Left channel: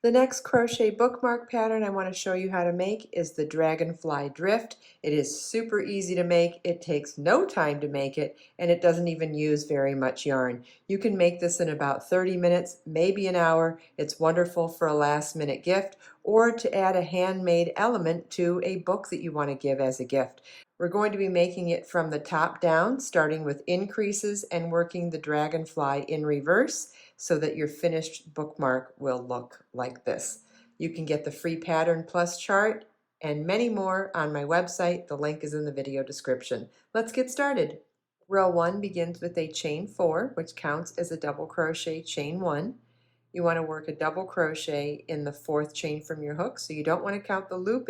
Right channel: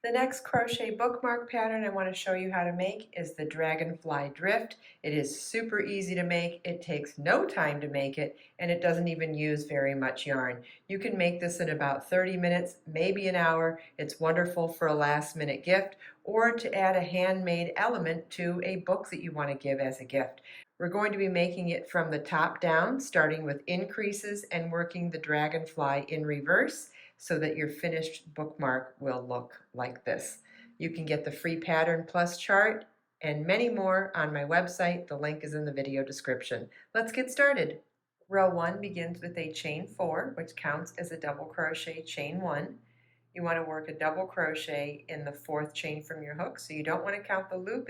The next crochet bookmark pattern I want to show you how to make is the Dragonfly Drift. It is super easy to make, it takes no time to make it, and it doesn't even use very much yarn. You can make this in about 30 minutes, maybe an hour. It's wonderful for a last-minute gift or to add a handmade element to a book that you want to give as a gift. We're going to be making it from the top down, starting with increases and working the dragonfly in reverse, so that your finished bookmark will look like this. You can get the free pattern plus chart and many more on my website. The link is in the video description. Let's get started. Row 1 begins with a chain 4, which counts as a double crochet chain 1. You want to work a double crochet in the 4th chain from your hook, so you don't want to count the loop.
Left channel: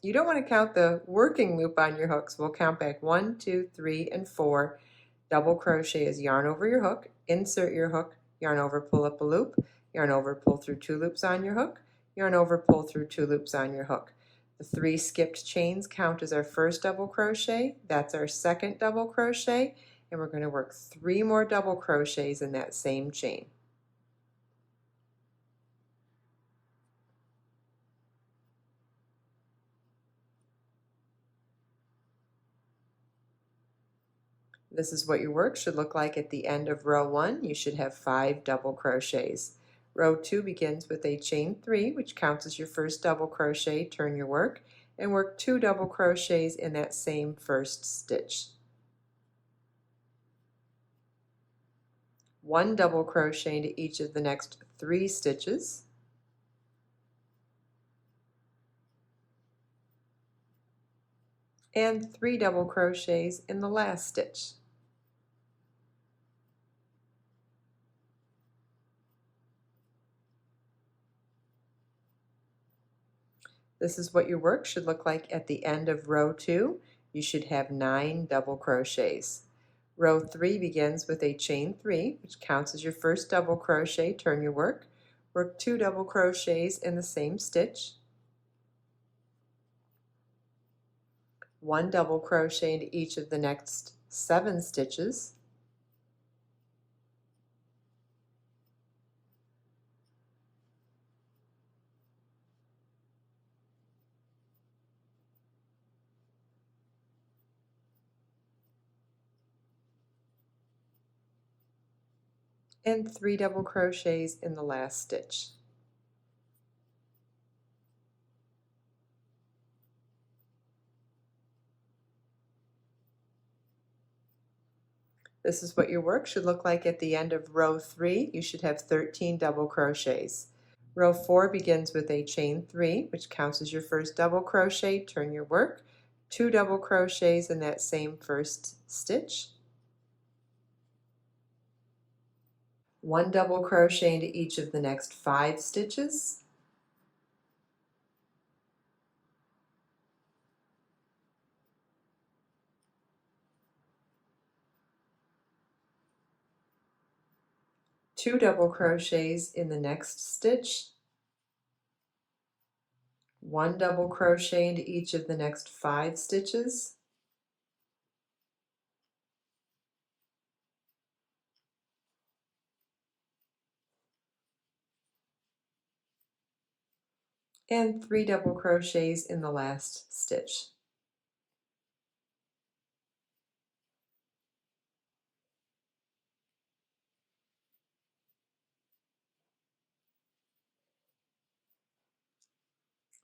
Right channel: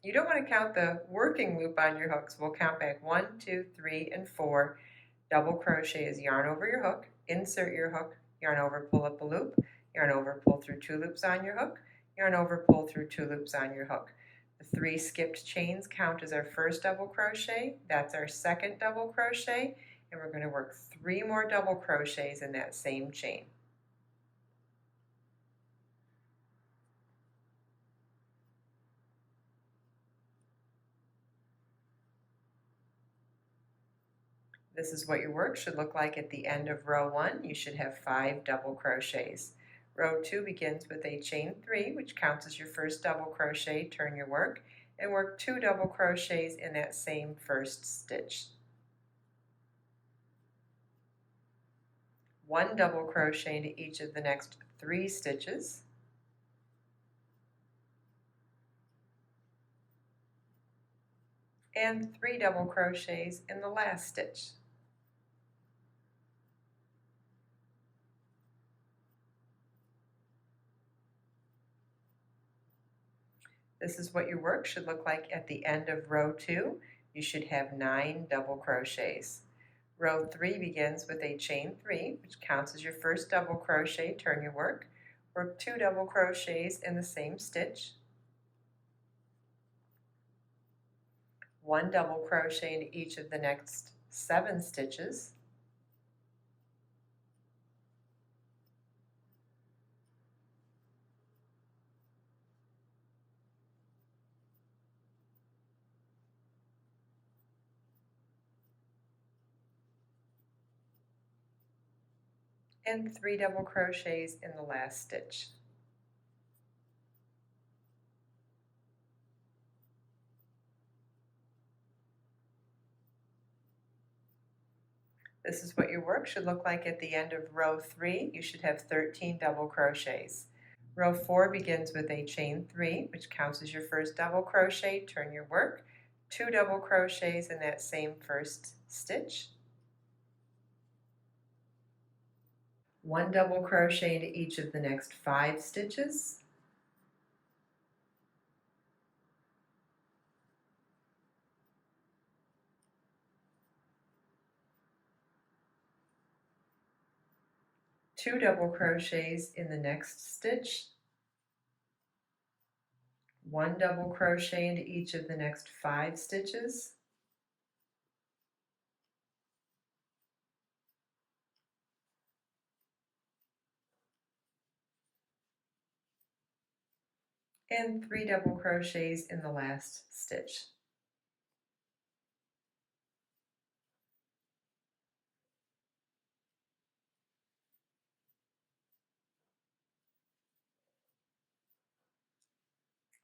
You don't want to count the working loop on your hooks. We'll count back 1, 2, 3, and 4. Double crochet is yarn over your hook, insert your hook, yarn over, pull up a loop, yarn over, pull through 2 loops on your hook, yarn over, pull through 2 loops on your hook. The 3 skipped chains count as our first double crochet. That's our second double crochet, and we're going to work 3 more double crochets in that same chain. This is what your work should look like at the end of row 1. You should have 5 double crochets. Row 2 begins with a chain 3, which counts as your first double crochet. Turn your work and work 2 double crochets in that same first stitch. 1 double crochet into each of the next 3 stitches. And 3 double crochets in the last stitch. This is what your work should look like at the end of row 2. You should have 9 double crochets. Row 3 begins with a chain 3, which counts as your first double crochet. Turn your work. Work 2 double crochets in the same stitch. 1 double crochet into each of the next 7 stitches. And 3 double crochets in the last stitch. This is what your work should look like at the end of row 3. You should have 13 double crochets. Row 4 begins with a chain 3, which counts as your first double crochet. Turn your work. 2 double crochets in that same first stitch. 1 double crochet into each of the next 5 stitches. Two double crochets in the next stitch. 1 double crochet into each of the next 5 stitches. And 3 double crochets in the last stitch.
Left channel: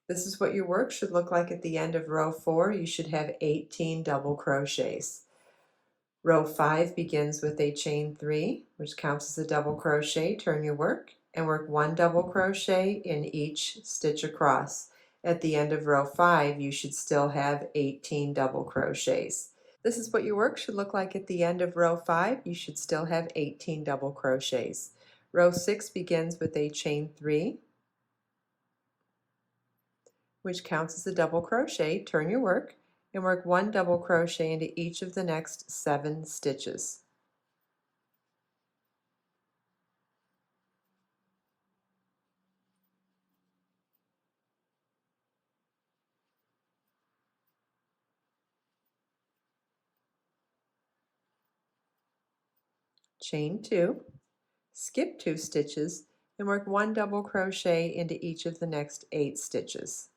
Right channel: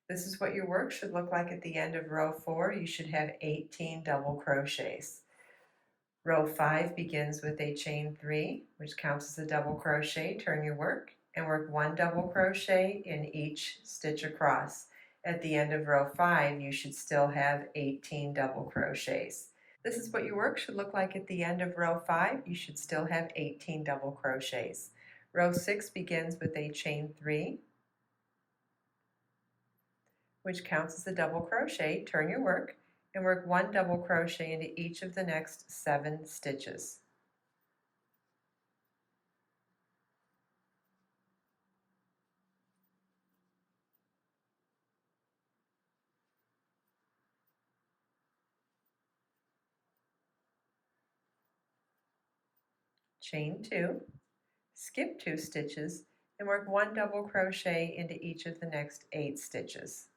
This is what your work should look like at the end of row 4. You should have 18 double crochets. Row 5 begins with a chain 3, which counts as a double crochet. Turn your work and work 1 double crochet in each stitch across. At the end of row 5, you should still have 18 double crochets. This is what your work should look like at the end of row 5. You should still have 18 double crochets. Row 6 begins with a chain 3, which counts as a double crochet. Turn your work and work 1 double crochet into each of the next 7 stitches. Chain 2, skip 2 stitches, and work 1 double crochet into each of the next 8 stitches.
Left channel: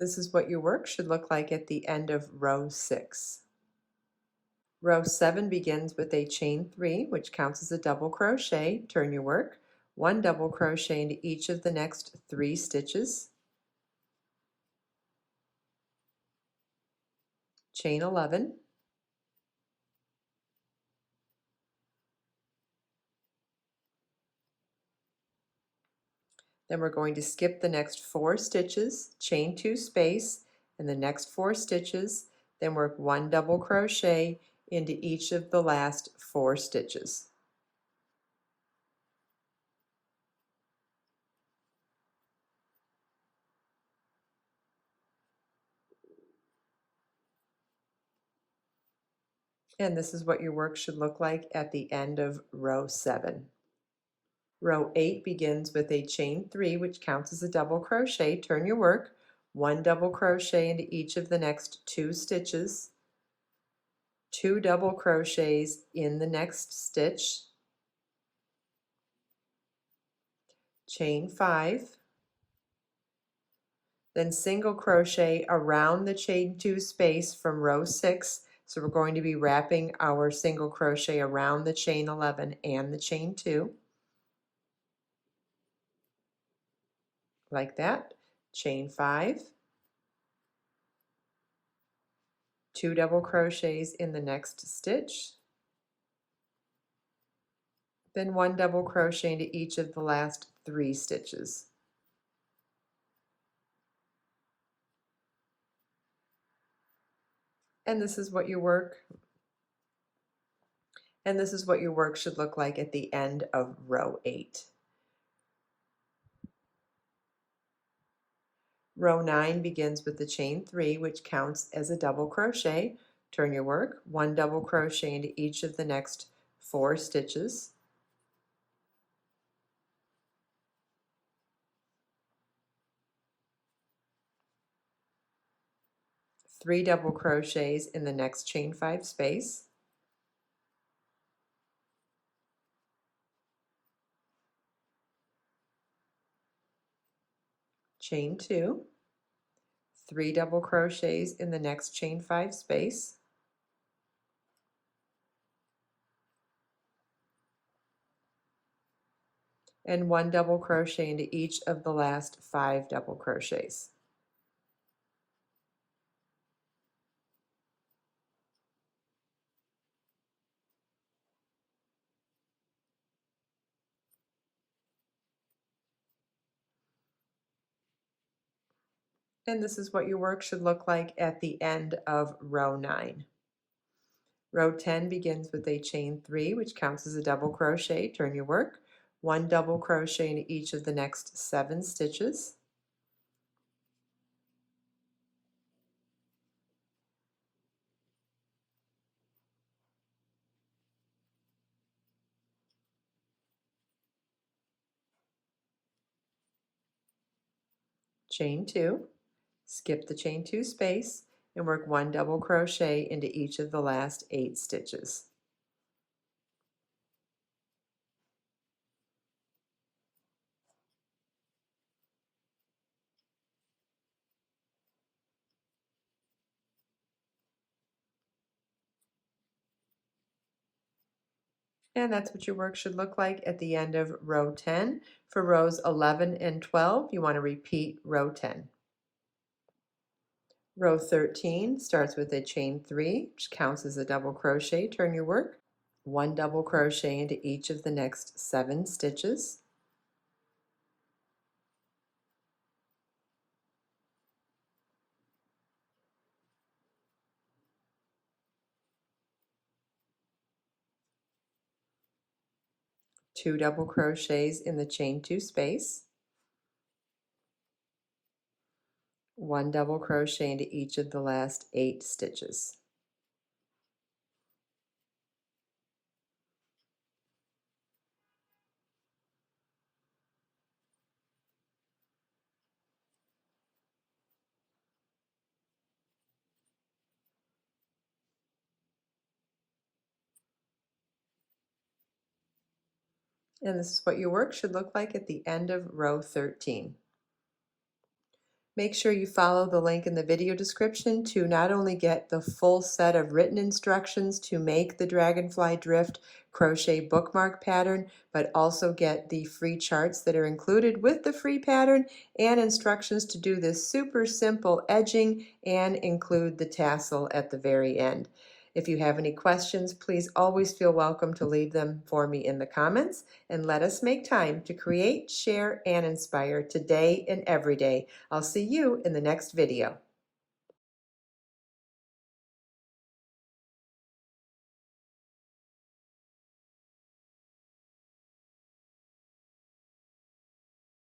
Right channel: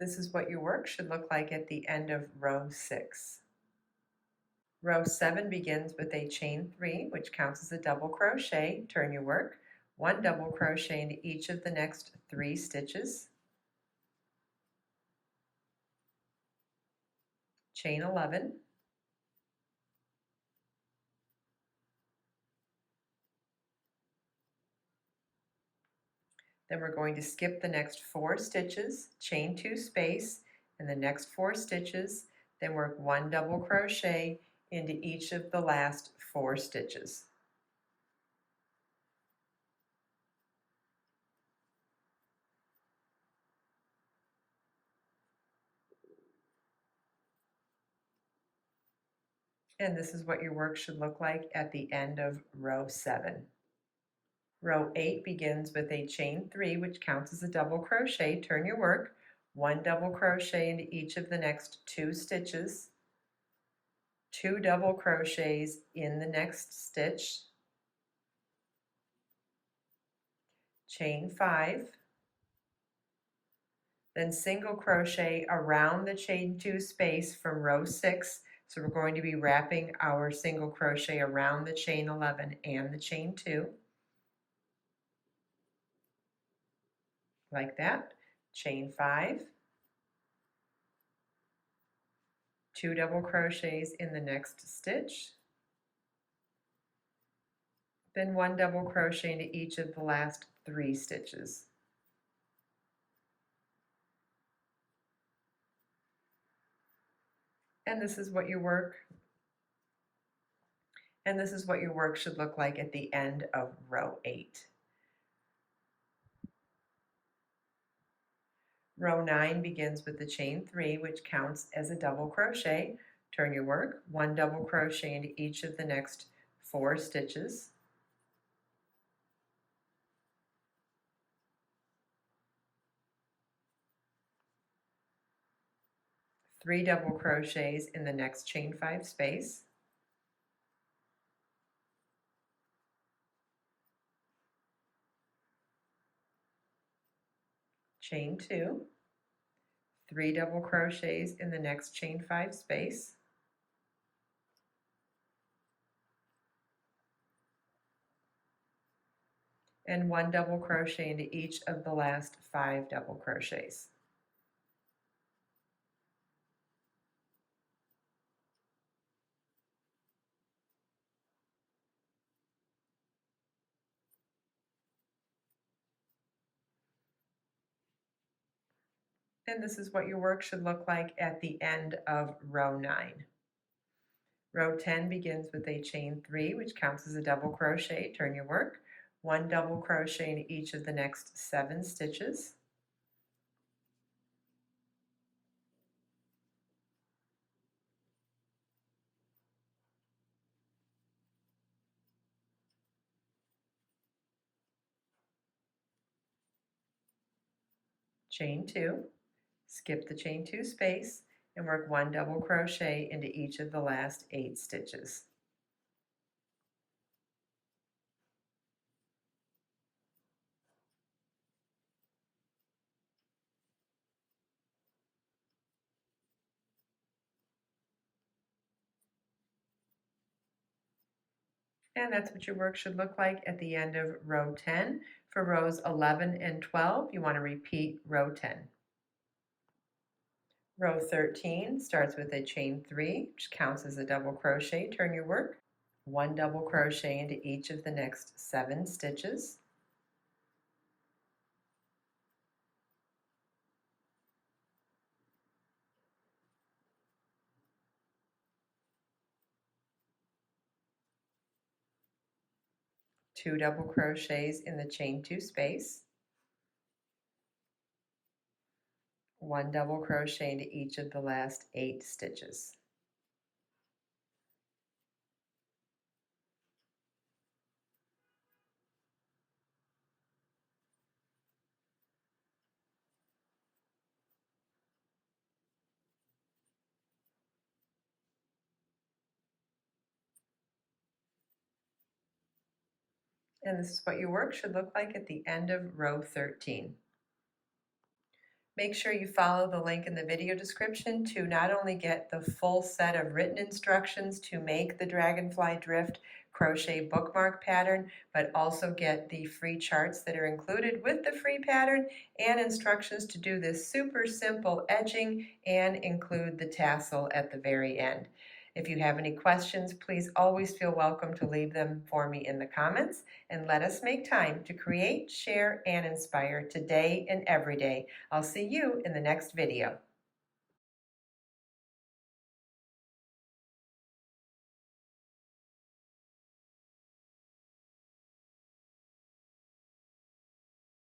This is what your work should look like at the end of row 6. Row 7 begins with a chain 3, which counts as a double crochet. Turn your work, 1 double crochet into each of the next 3 stitches, chain 11, then we're going to skip the next 4 stitches, chain 2 space, and the next 4 stitches, then work 1 double crochet into each of the last 4 stitches. And this is what your work should look like at the end of row 7. Row 8 begins with a chain 3, which counts as a double crochet. Turn your work, 1 double crochet into each of the next 2 stitches, 2 double crochets in the next stitch, chain 5, then single crochet around the chain 2 space from row 6. So we're going to be wrapping our single crochet around the chain 11 and the chain 2, like that. Chain 5, 2 double crochets in the next stitch, then 1 double crochet into each of the last 3 stitches. And this is what your work should look like at the end of row 8. Row 9 begins with the chain 3, which counts as a double crochet. Turn your work, 1 double crochet into each of the next 4 stitches, three double crochets in the next chain 5 space, chain 2, 3 double crochets in the next chain 5 space, and 1 double crochet into each of the last 5 double crochets. And this is what your work should look like at the end of row 9. Row 10 begins with a chain 3, which counts as a double crochet. Turn your work, 1 double crochet into each of the next 7 stitches, chain 2, skip the chain 2 space, and work 1 double crochet into each of the last 8 stitches. And that's what your work should look like at the end of row 10. For rows 11 and 12, you want to repeat row 10. Row 13 starts with a chain 3, which counts as a double crochet. Turn your work, 1 double crochet into each of the next 7 stitches, two double crochets in the chain 2 space, 1 double crochet into each of the last 8 stitches. And this is what your work should look like at the end of row 13. Make sure you follow the link in the video description to not only get the full set of written instructions to make the Dragonfly Drift crochet bookmark pattern, but also get the free charts that are included with the free pattern and instructions to do this super simple edging and include the tassel at the very end. If you have any questions, please always feel welcome to leave them for me in the comments, and let us make time to create, share, and inspire today and every day. I'll see you in the next video.